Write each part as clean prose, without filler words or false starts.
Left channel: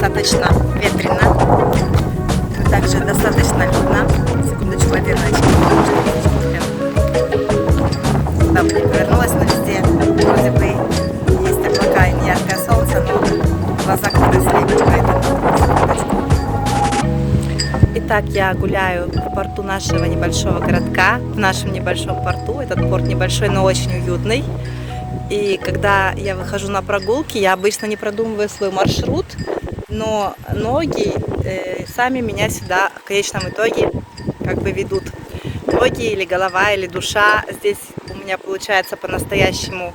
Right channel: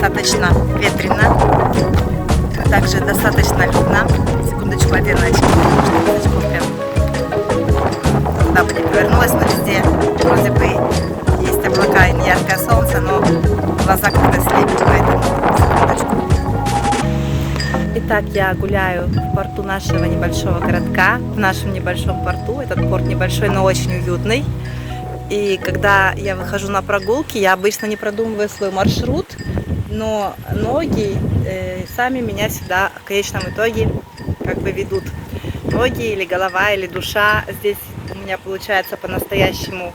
достаточно ветрено, но также достаточно людно. Секундочку, одену очки, потому что здесь кофе. Куда бы ни повернулась, но везде вроде бы есть облака и неяркое солнце, но глаза как-то слепят, поэтому секундочку. Итак, я гуляю по порту нашего небольшого городка, в нашем небольшом порту. Этот порт небольшой, но очень уютный. И когда я выхожу на прогулки, я обычно не продумываю свой маршрут, но ноги сами меня сюда в конечном итоге как бы ведут. Ноги или голова, или душа. Здесь у меня получается по-настоящему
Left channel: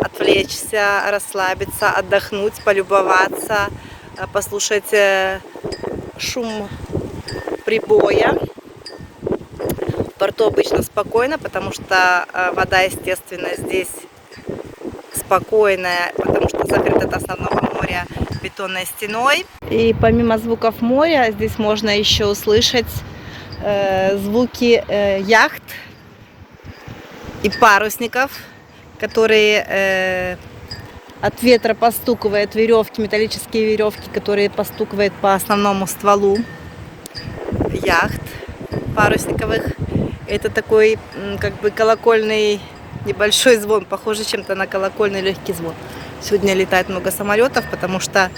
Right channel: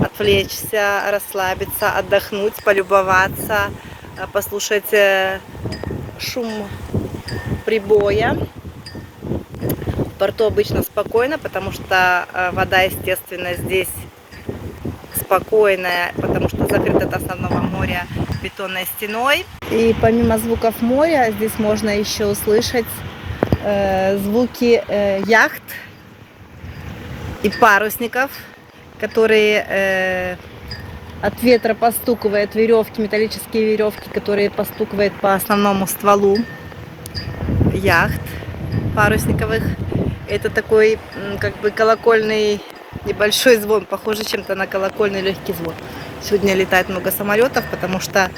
отвлечься, расслабиться, отдохнуть, полюбоваться, послушать шум прибоя. В порту обычно спокойно, потому что вода, естественно, здесь спокойная, потому что закрыта от основного моря бетонной стеной. И помимо звуков моря, здесь можно еще услышать звуки яхт и парусников, которые от ветра постукивают веревки, металлические веревки, которые постукивают по основному стволу яхт парусниковых. Это такой как бы колокольный небольшой звон, похоже чем-то на колокольный легкий звон. Сегодня летает много самолетов, потому что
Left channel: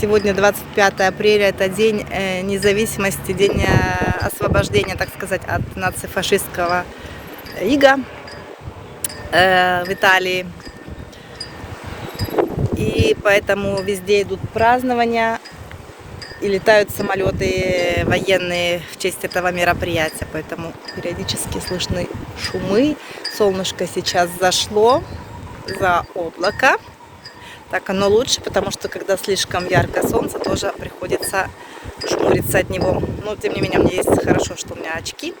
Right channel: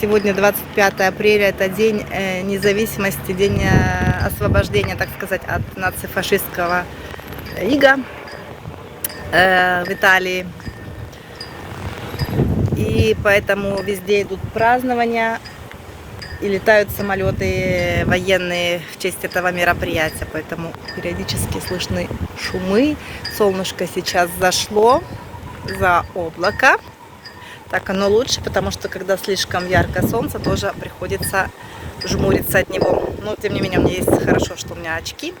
сегодня 25 апреля, это день независимости, день освобождения, так сказать, от нацифашистского ига в Италии. И поэтому везде идут празднования и летают самолеты военные в честь этого мероприятия. Поэтому периодически слышны шумы. Солнышко сейчас зашло за облако. Так оно лучше, потому что когда слишком яркое солнце, тоже приходится жмуриться от него. Но тем не менее, мне есть хорошо, что у меня очки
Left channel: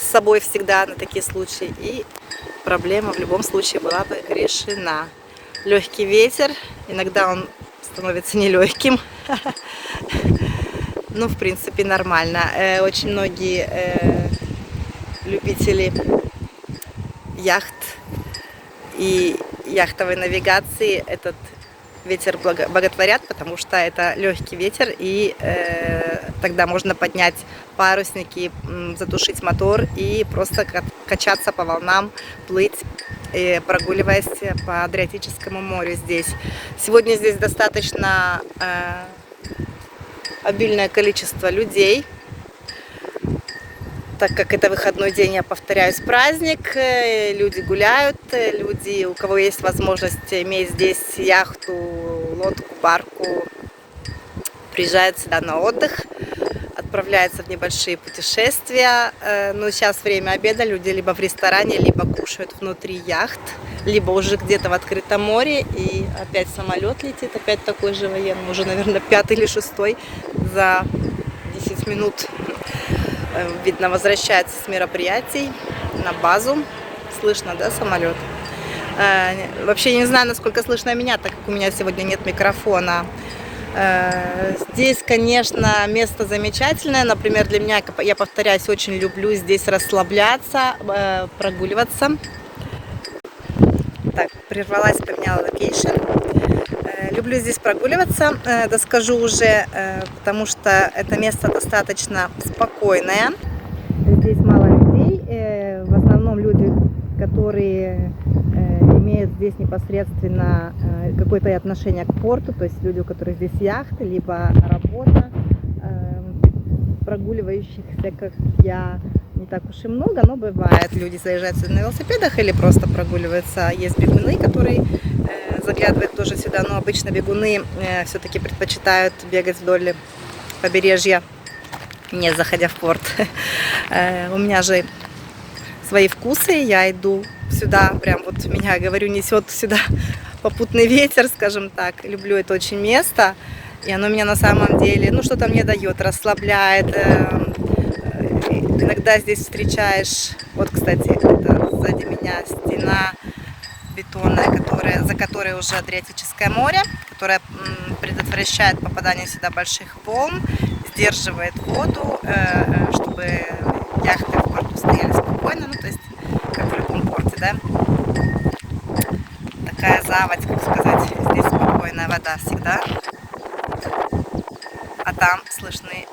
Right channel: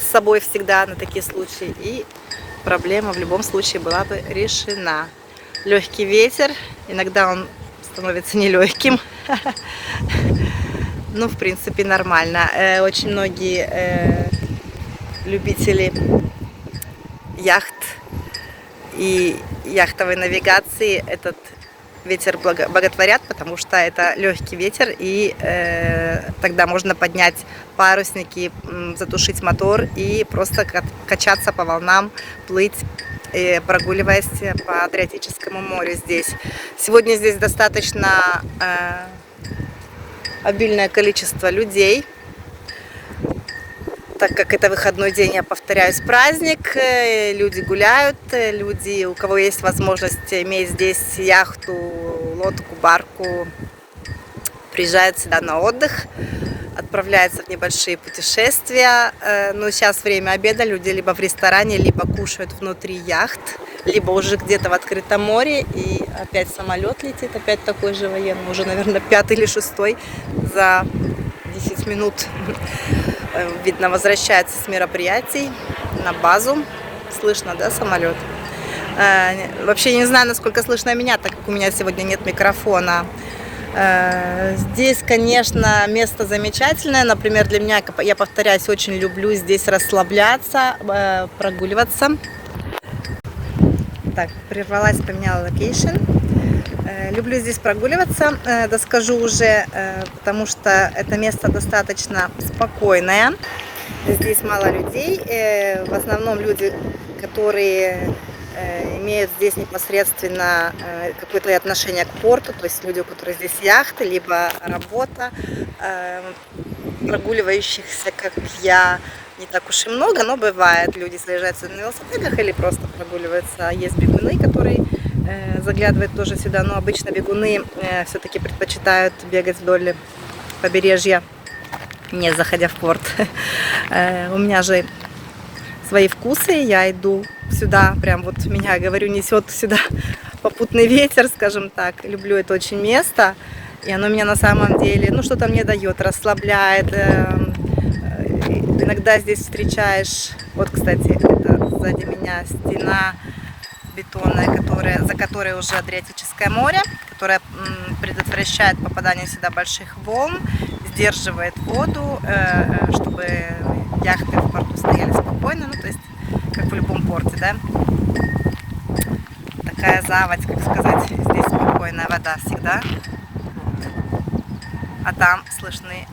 с собой всегда на такие случаи. И проблема в любом случае была бы решена. Легкий ветер, иногда он становится нелегким. Ну, в принципе, нормально. Очень многие любители яхт и яхтовой навигации этот ветер боготворят, потому что это легкий ветер, и тогда можно поднять парусники, затушить мотор и просто качаться по волнам, плыть, прогуливаясь по Адриатическому морю здесь. Сегодня здесь достаточно обильное количество людей, так как это выходной день, я повторяюсь, праздник, люди гуляют, люди, у кого есть возможность иметь здесь яхту, лодку, барку, приезжают сюда на отдых. отправляются в небольшие путешествия. Но сейчас время обеда, люди либо в ресторане, либо кушают внутри яхт, либо уже где-то в открытом море. И опять самолет летит, опять такой же военный, уже, наверное, 5-й или 6-й за 10 минут. Видно, возвращается с мероприятий на базу. Слышно, да, самолет? Вообще не знаю, насколько слышно меня, так как у меня сегодня нет микрофона. Здесь, конечно, место замечательное. Например, для меня, я повторяюсь, очень люблю здесь расслабляться, прогуливаться. Так, прервалась, поменяла локейшн. Люблю здесь прогуливаться, доскажу уже, потому что это место достаточно спокойное. Здесь мало людей, в основном люди, которые имеют здесь непосредственно какое-то отношение к порту, то есть люди, у которых здесь яхты, либо работа, прогуливающихся, как я, не так уж и много, но бывает, люди заезжаются на велосипедах или просто прогуливаются. Есть бегуны, которые заглядывают тоже сюда, но обычно бегуны все-таки предпочитают бегать вдоль побережья, не заходя в порт. У меня же свои вкусы, я иду сюда, прям вот меня, говорю, несет сюда попутный ветер, скажем так. Люблю это очень место, и оно меня на самом деле, ну, что-то мне дает, расслабляет. Иногда здесь встречаешь, вот, кстати, это сзади меня стена бетонная, за которой уже Адриатическое море, которое предотвращает попадание сюда больших волн, сдерживает воду, чтобы яхты в порту стояли спокойно, ну, то есть, как в любом порте, да. Такая заводь, как сказать, здесь спокойная вода всегда. А там слышны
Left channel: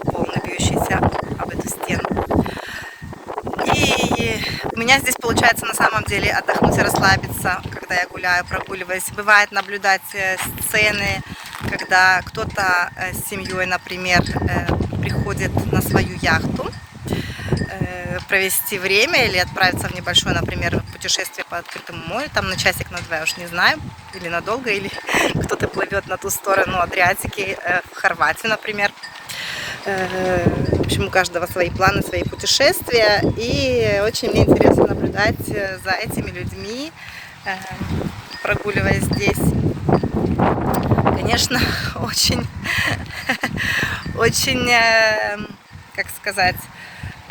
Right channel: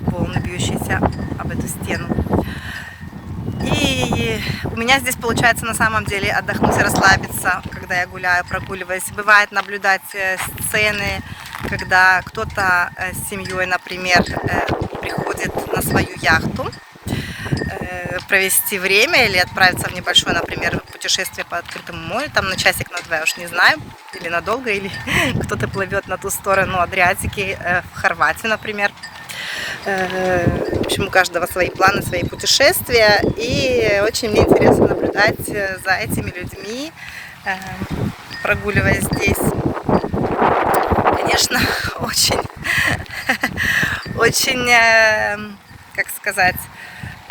волны, бьющиеся об эту стену. И у меня здесь получается на самом деле отдохнуть и расслабиться, когда я гуляю, прогуливаюсь. Бывает наблюдать сцены, когда кто-то с семьей, например, приходит на свою яхту провести время или отправиться в небольшое, например, путешествие по открытому морю, там на часик, на 2, я уж не знаю, или надолго, или кто-то плывет на ту сторону Адриатики, в Хорватию, например. В общем, у каждого свои планы, свои путешествия, и очень мне интересно наблюдать за этими людьми, прогуливаясь здесь. Конечно, очень, как сказать,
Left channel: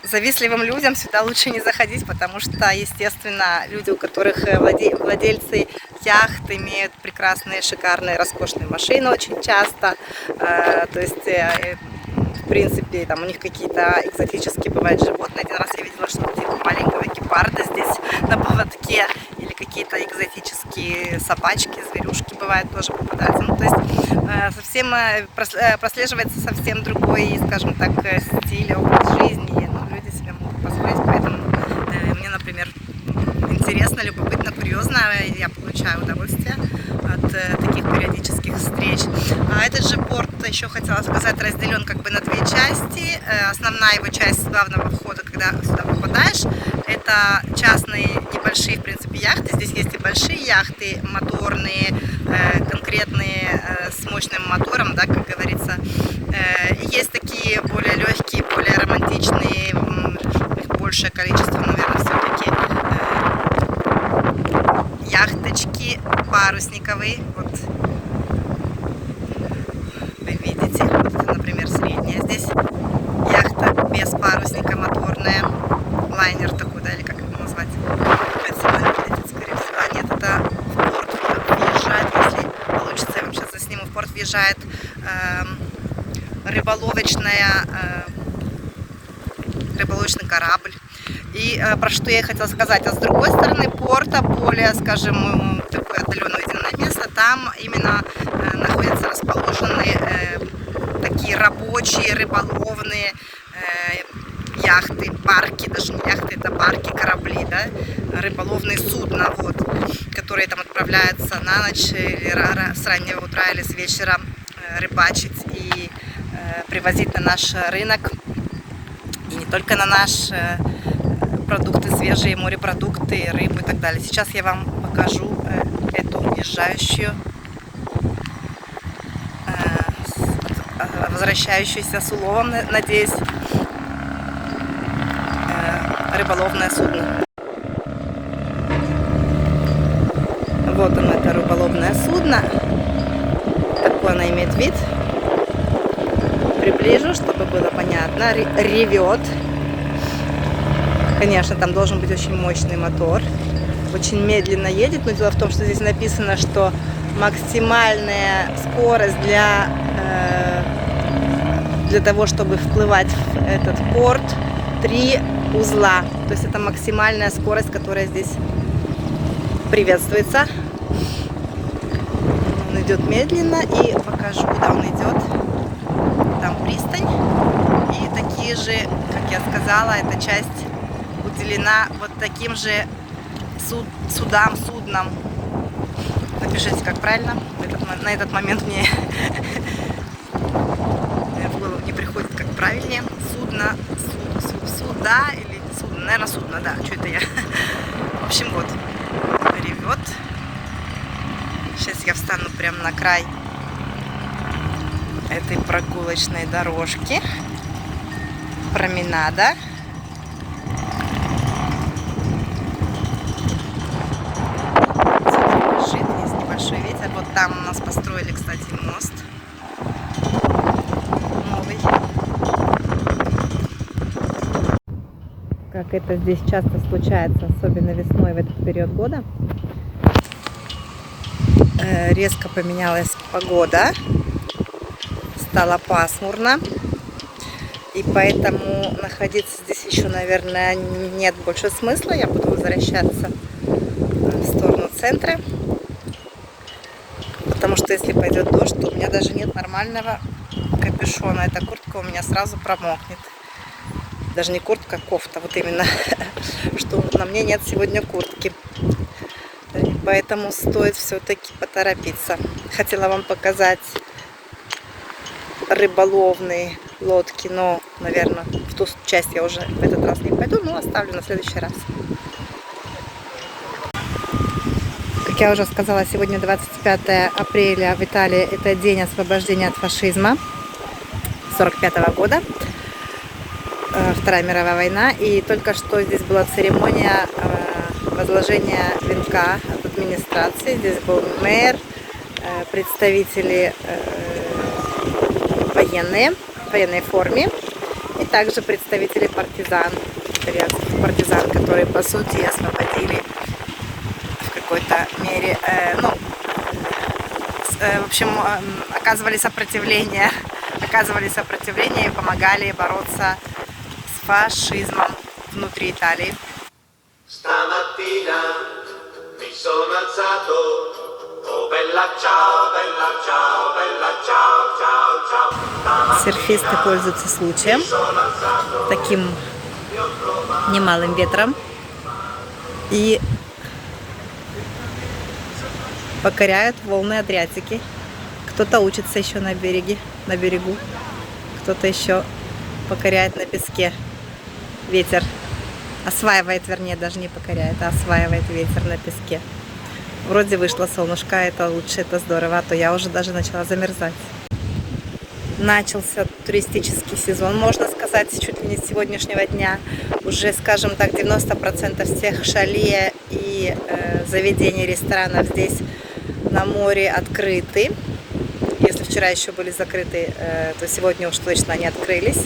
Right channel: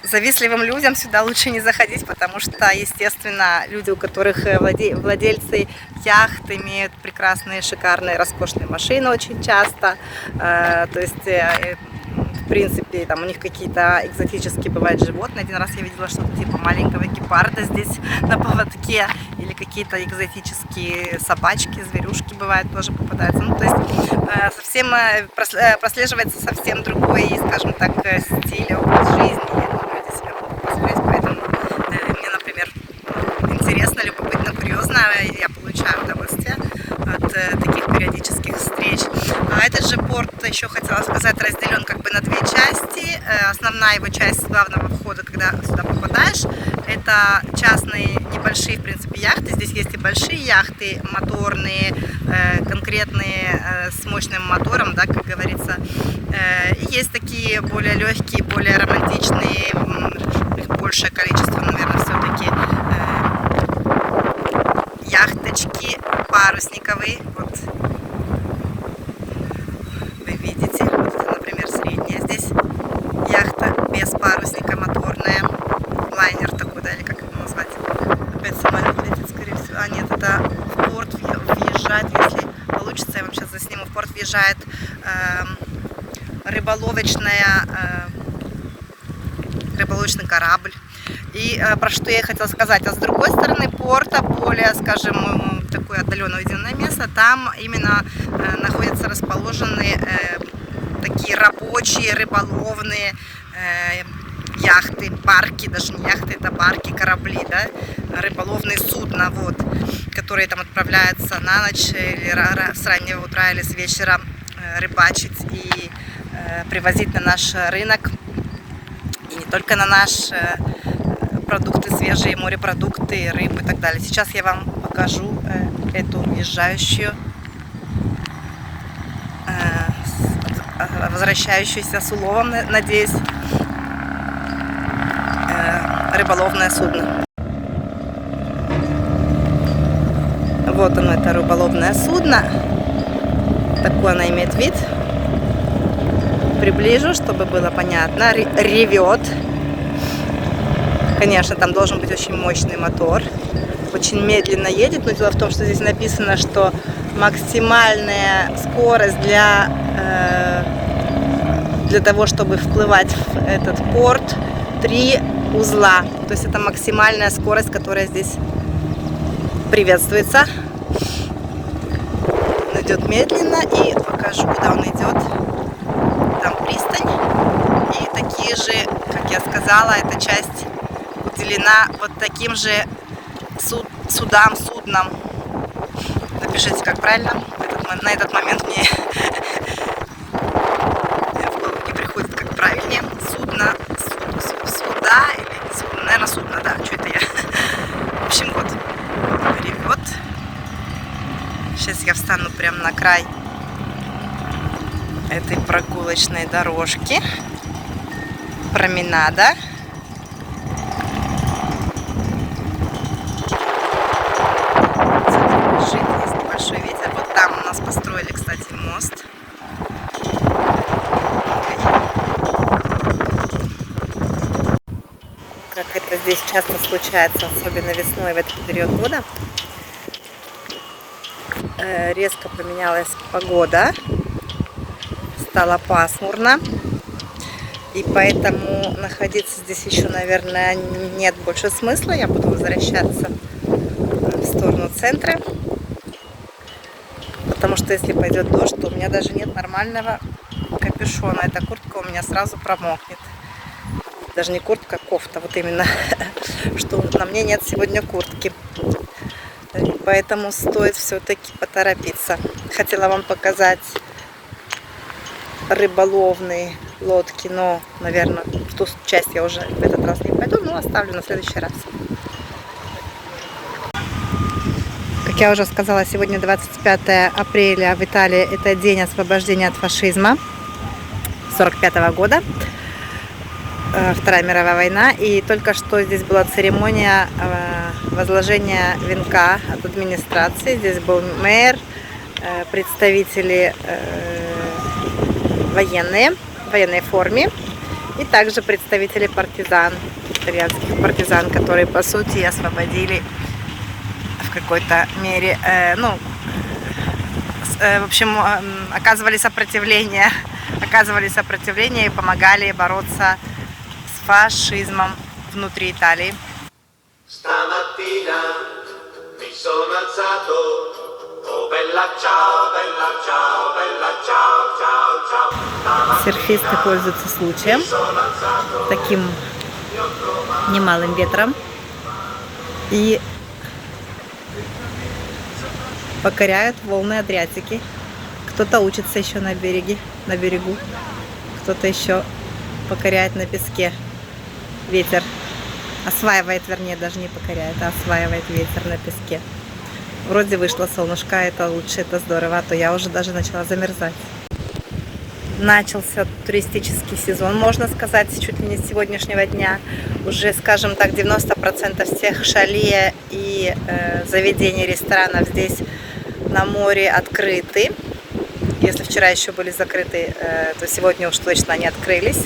завистливым людям сюда лучше не заходить, потому что, естественно, люди, у которых владельцы яхт, имеют прекрасные, шикарные, роскошные машины очень часто, то есть, в принципе, там у них какие-то экзотические бывают животные. Один раз я видела что-то типа маленького гепарда здесь на поводке, или какие-то экзотические собачки, зверюшки бывают тоже попадаются. Ну, то есть совсем прослеживается совсем другой, скажем так, стиль, образ жизни. Люди себе могут позволить, поэтому мне, например, интересно, любопытно, курьезно, я получаю удовольствие от таких периодических встреч. А этот же порт, еще хотела сказать, разделен как бы на 2 части. Основная его часть с главного входа, когда сюда попадаешь, это частные небольшие, в принципе, яхты. Здесь есть и большие яхты, моторные, конкретные, с мощным мотором, да, как говорится. И есть такие более легкие, более романтичные, их большее количество, наверное, все-таки, яхточки парусниковые. Вот вы видите, вот, например, средняя здесь яхта без парусника, моторная, лайнер такой, да, или как это назвать? Опять самолет летит, скорее всего. А нет, это в порт въезжает, если получится, я вам сейчас засниму, в порт въезжает рыболовочный корабль. И про что я хотела сказать, а с другой стороны порта, более, скажем, такое отдаленное уединенное место, там именно находятся расположены такие рабочие, рыболовные яхты, барки, даже не яхты, это барки, корабли, да, рыболовные судна, вот, которые там отправляются на ночь или с раннего утра или с вечера рыбачить и привозить на наш рынок, и не только на наш, продукты свежие, морепродукты, рыбу и так далее. Сейчас я вам покажу эту въезжающую возвращающееся с уловом, надеюсь, рыболовное судно. Вот оно, это рыболовное судно. Такой она имеет вид. Приближу, чтобы было понятно. Ревет. Конечно, там должен быть очень мощный мотор. Очень медленно едет, но дело в том, что здесь написано, что максимальная скорость для того, чтобы вплывать в этот порт, 3 узла. То есть это максимальная скорость, которая здесь приветствуется. Он идет медленно, и покажу, куда он идет. Там пристань. И такие же, как я сказала, эта часть уделена вот таким же суднам. Напишите, как правильно. На этот момент мне в голову не приходит, как правильнее. Суда или судно, наверное, судно, да, что это я. В общем, вот, ревет. Сейчас я встану прямо на край этой прогулочной дорожки, променада. Есть небольшой ветер. Вот там у нас построили, кстати, мост. Как это здесь часто случается, особенно весной в этот период года, резко поменялась погода, стало пасмурно, и поэтому находиться здесь еще, наверное, нет больше смысла. Я буду возвращаться в сторону центра, потому что если пойдет дождь, то у меня даже нет нормального капюшона. Эта куртка у меня сразу промокнет. Даже не куртка, а кофта, вот именно, что на мне нет сегодня куртки. Поэтому стоит все-таки поторопиться. Хотела вам показать рыболовные лодки, но, наверное, в ту часть я уже в этот раз не пойду, но оставлю на следующий раз. Как я уже сказала, сегодня 25 апреля в Италии, это день освобождения от фашизма 1945 года. Вторая мировая война, и только что здесь была церемония возложения венка от администрации. Здесь был мэр, представители военные в военной форме, и также представители партизан, итальянских партизан, которые по сути освободили в какой-то мере, в общем, оказывали сопротивление и помогали бороться фашизмом внутри Италии. Серфисты пользуются случаем, таким немалым ветром, и покоряют волны Адриатики. Кто-то учится еще на берегу, кто-то еще покоряет на песке. Ветер осваивает, вернее, даже не покоряет, а осваивает ветер на песке. Вроде вышло солнышко, это лучше, это здорово, а то я уже даже начала замерзать. Начался туристический сезон, можно сказать, чуть ли не с сегодняшнего дня. Уже, скажем так, 90% всех шале и заведений, ресторанов здесь на море открыты. Если вчера еще были закрыты, то сегодня уж точно они открылись.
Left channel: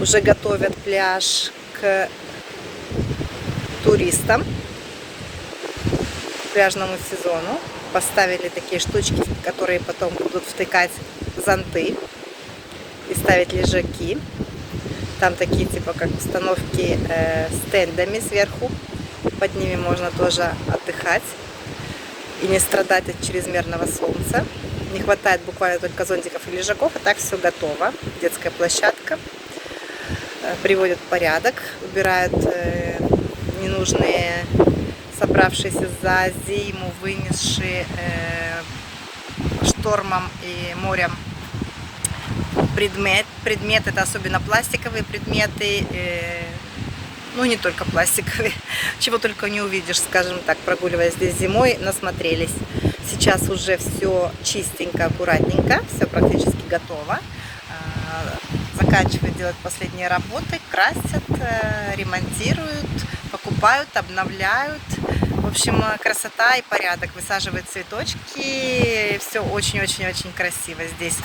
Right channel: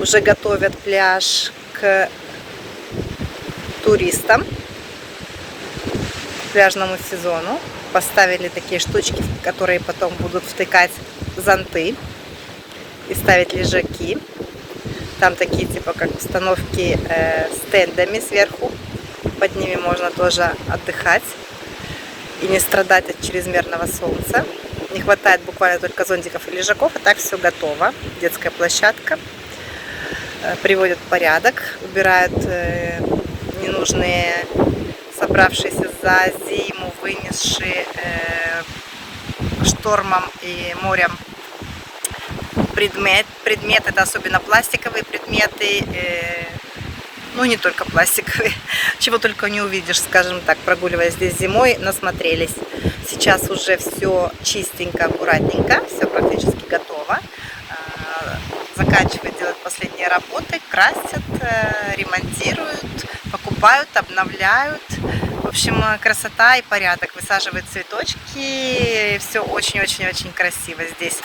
Уже готовят пляж к туристам, к пляжному сезону. Поставили такие штучки, в которые потом будут втыкать зонты и ставить лежаки. Там такие типа как установки с тендами сверху. Под ними можно тоже отдыхать и не страдать от чрезмерного солнца. Не хватает буквально только зонтиков и лежаков, а так все готово. Детская площадка. Приводят в порядок, убирают ненужные, собравшиеся за зиму, вынесшие штормом и морем предметы, это особенно пластиковые предметы, ну не только пластиковые, чего только не увидишь, скажем так, прогуливаясь здесь зимой, насмотрелись. Сейчас уже все чистенько, аккуратненько, все практически готово. заканчивают делать последние работы, красят, ремонтируют, покупают, обновляют. В общем, красота и порядок. Высаживают цветочки. Все очень-очень-очень красиво здесь.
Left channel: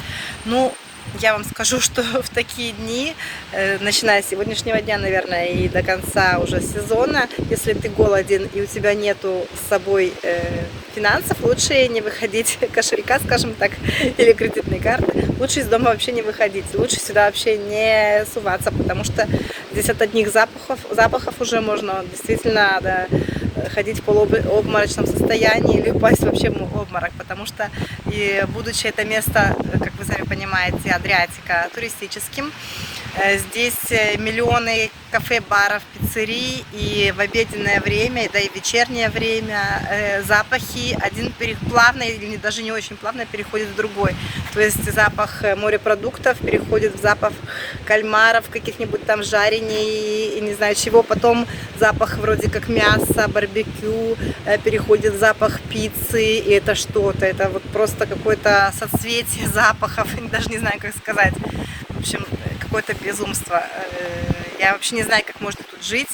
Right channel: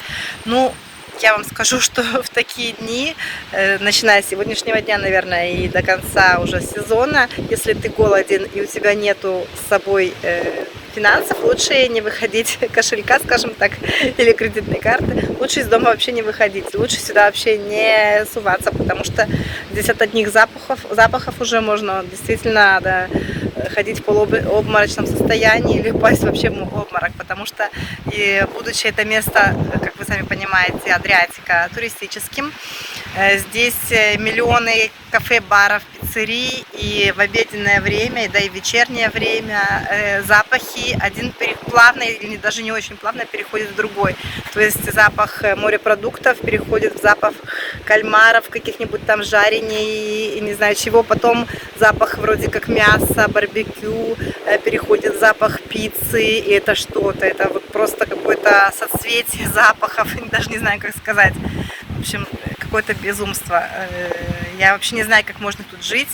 Ну, я вам скажу, что в такие дни, начиная с сегодняшнего дня, наверное, и до конца уже сезона, если ты голоден и у тебя нету с собой финансов, лучше не выходить, кошелька, скажем так, или кредитной карты, лучше из дома вообще не выходить, лучше сюда вообще не суваться, потому что здесь от одних запахов уже можно действительно ходить в полуобморочном состоянии или упасть вообще в обморок, потому что, и будучи это место, как вы сами понимаете, Адриатика, туристическим, здесь миллионы кафе, баров, пиццерий, и в обеденное время, да и в вечернее время запахи один плавно или даже не очень плавно переходит в другой. То есть запах морепродуктов переходит в запах кальмаров, каких-нибудь там жарений и не знаю чего. Потом запах вроде как мяса, барбекю, переходит в запах пиццы, и это что-то. Это вот просто какое-то соцветие запахов, даже не знаю, как сказать. В общем, какое-то безумство. Я вообще не знаю, как можно тут жить.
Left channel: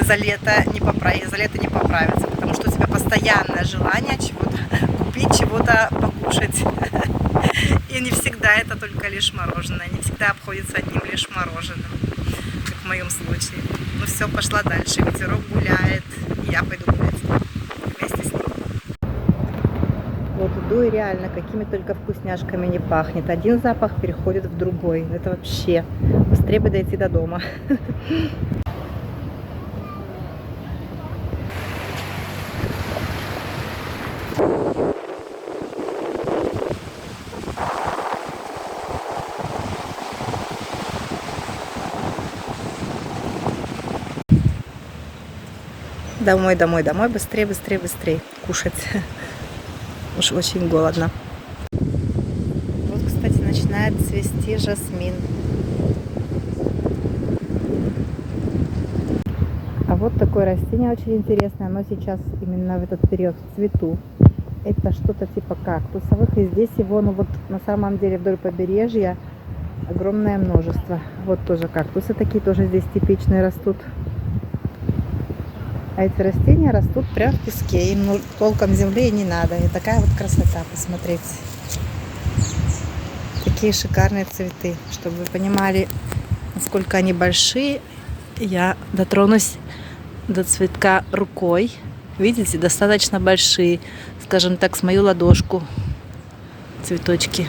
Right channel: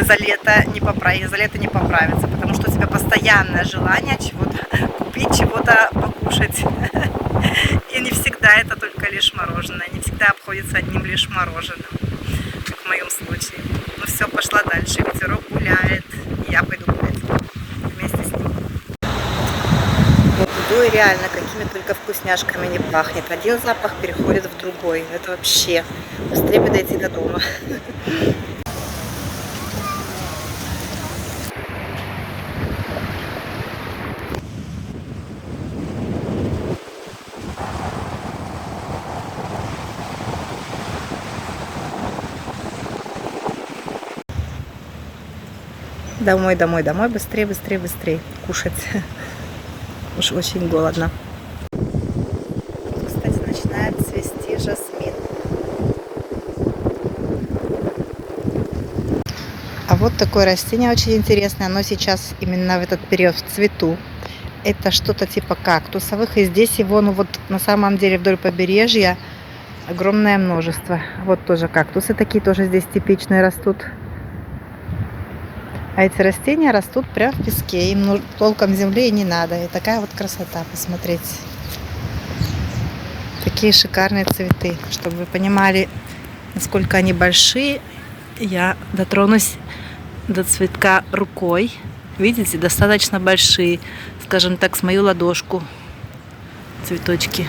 За лето не поправиться, потому что у тебя постоянное желание чего-то купить, чего-то покушать. И не всегда это только лишь мороженое, не всегда обходится одним лишь мороженым, как в моем случае. Ну все, пошла дальше, ветерок гуляет, я пойду гулять вместе с ним. Вот иду и реально какими только вкусняшками не пахнет. Один запах переходит в другой. Это вообще быстрее бы дойти до дома. Домой, домой, домой, быстрее, быстрее, быстрее кушать. Уж очень голодно. Вот, кстати, начинает цвести жасмин. А вот такое растение очень интересное. Оно сейчас именно в этот период в цвету. Это что-то типа кактусовых. И здесь его, ну вот на самом деле вдоль побережья огромное множество. Вот тоже кактусы такие тоже здесь типичные растут. А эти растения растут прямо в песке. Им толком земли и не надо. И такая вот красота, посмотрите. Такие шикарные цветы. Чтобы вы понимали, насколько они большие, я дотронусь до цветка рукой. Видите, достаточно большие. Скажем так, с мою ладошку. Цветочки.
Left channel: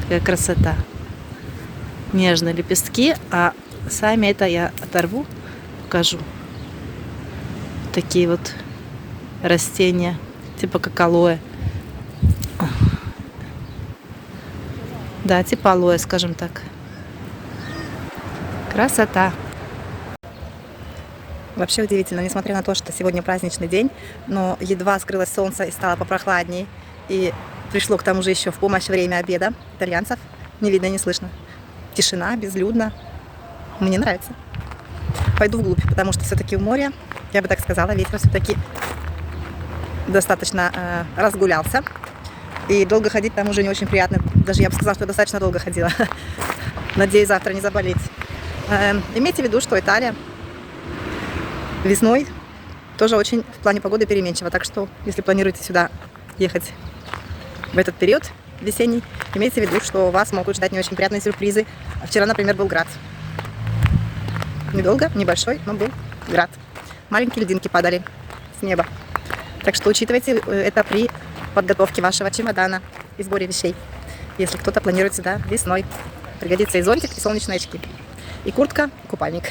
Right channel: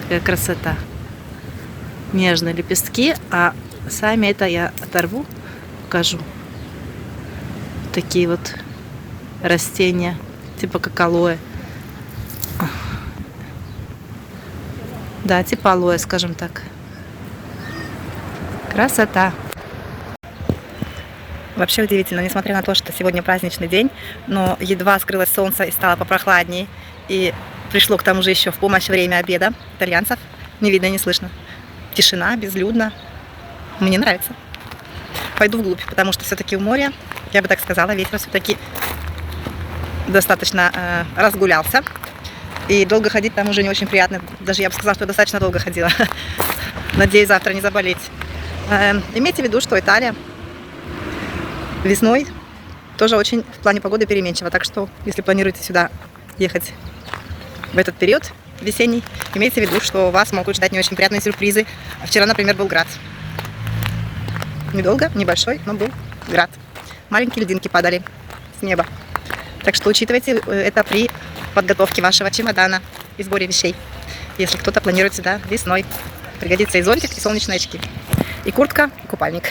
Такая красота. Нежные лепестки. А сами это я оторву, покажу. Такие вот растения, типа как алоэ. Да, типа алоэ, скажем так. Красота. Вообще удивительно, несмотря на то, что сегодня праздничный день, но едва скрылось солнце и стало попрохладней, и пришло к тому же еще в помощь время обеда итальянцев, не видно, не слышно. Тишина, безлюдно. Мне нравится. Пойду вглубь, потому что все-таки у моря, я бы так сказала, ветер все-таки достаточно разгулялся. И долго ходить там уже не очень приятно. Даже я бы сказала, что я достаточно долго ходила. Надеюсь, завтра не заболеть. Имейте в виду, что Италия весной тоже очень в плане погоды переменчива. Так что, если планируете сюда ехать в этот период весенний, имейте в виду, что вас могут ждать не очень приятные сюрпризы. Вчера, например, был град. Недолго, небольшой, но был град. Маленькие льдинки падали с неба. Так что учитывайте это при подготовке вашего чемодана и сборе вещей. Если кто-то планирует сюда весной. Пригодится и зонтик, и солнечные очки. И куртка, и купальник.